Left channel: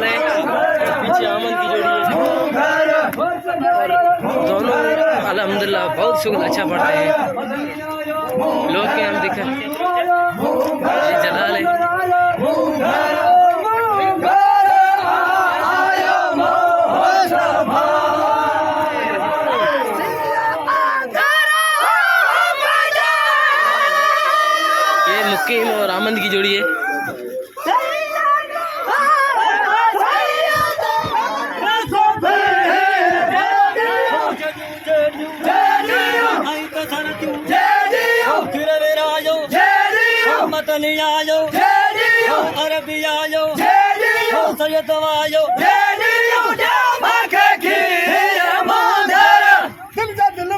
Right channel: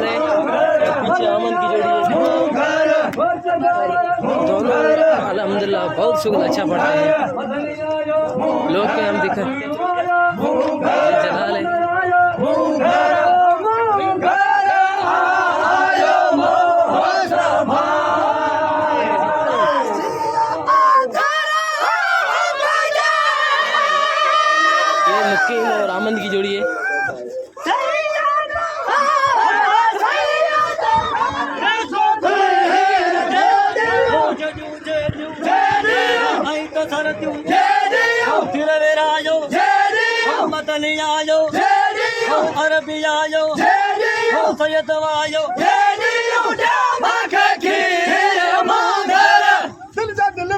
जलाल है, पीछे आमन की जोड़ी है। दोनों अल्हम्दुलिल्लाह बहुत शुक्र अच्छा पढ़ते हैं। लोग के हम दिखा जलाल है। ये मुक्कीम और आमंद की जोड़ी है। अरबी आयो सैयद आयो दिल